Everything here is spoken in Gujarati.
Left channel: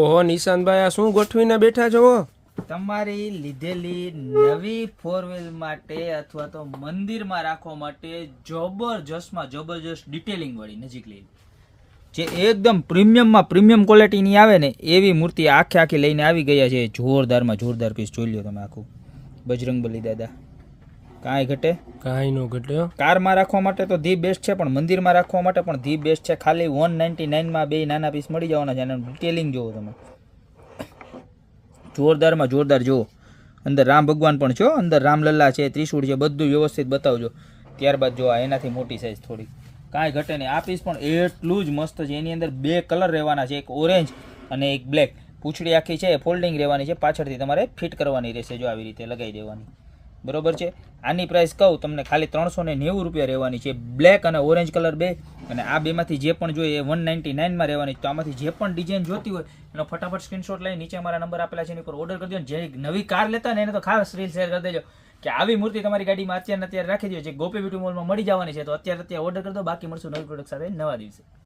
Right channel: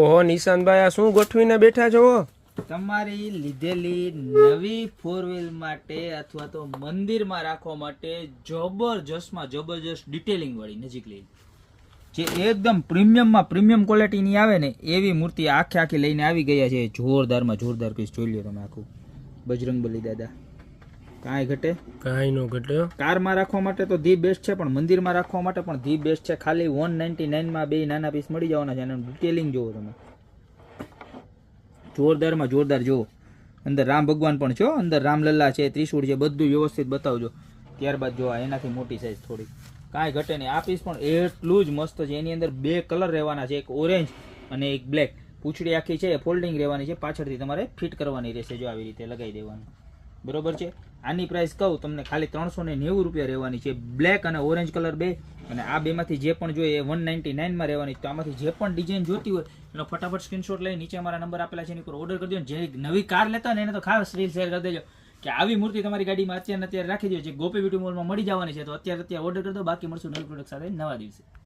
ઓહો નિશાંતભાઈ, આ શું ગોઠવીને બેઠા છો? તમારી લીધેલી નવી 4 વ્હીલ માટે અથવા તો મંદિરમાં રાખવા માટે જબરજસ્તમાં જબરજસ્ત ડિટેલિંગ વાળી નજીક લઈ જે એકદમ પ્રીમિયમ ક્વોલિટીની આવે ને એવી મૂર્તિ આખી લઈને આવી ગયા છે. જોરદારમાં જોરદાર પીસ જોઈ લ્યો તમે આખું. બજરંગબલી દાદા કાંઈ ઘટે કાંઈ નો ઘટ્યો. કારમાં રાખવા માટે તો ધી બેસ્ટ છે, પણ મંદિરમાં રાખવા માટે પણ ધી બેસ્ટ છે. ખાલી 199 બે નાના પીસ મળી જવાના છે. એનું ડિટેલિંગ જોવો તમે, જોરદારમાં જોરદાર. જો અંદર રામ ભગવાન પણ છો, અંદર રામલલ્લા છે, ત્રિશૂળ છે, બધું વ્યવસ્થિત બતાવજો. ત્યારબાદ જો આ એનાથી મોટી સાઈઝ થોડી, કાંઈ ઘટે નહીં. આ પીસ પણ એટલું જ મસ્ત છે. એની અંદર 2 કલર રહેવાના છે, એક ઓરેન્જ અને એક બ્લેક. પૂંછડી આખી છે ફોલ્ડિંગ રહેવાની છે, પાછળથી તમારે ફિટ કરવાની રહેશે. જો આવી રીતે લગાવી દેવાની, બરોબર છે. આની પ્રાઇસ કહું તમને ખાલી 390 રૂપિયા રહેવાની છે. બ્લેક અને ઓરેન્જ કલર બે, અને આ બેમાંથી જે પણ જોઈએ એ 199માં રહેવાની. તો આમાંથી જે પણ ડિઝાઇન જોતી હોય એનો ફટાફટ સ્ક્રીનશોટ લઈ નીચે મારા નંબર આપેલા છે એની પર ઓર્ડર કરી દો. જે નવી કાર લેતા હોય ને એને તો ખાસ રીલ શેર કરી દેજો કે આવી મૂર્તિ તમારી ગાડીમાં અત્યારે રાખી દો. જે ગોપી બ્યુટી મોલમાં મળી જવાની છે. તો અત્યારે ઓર્ડર કરી દો. બાકી મળશું નવી પ્રોડક્ટ સાથે નવા દિવસે.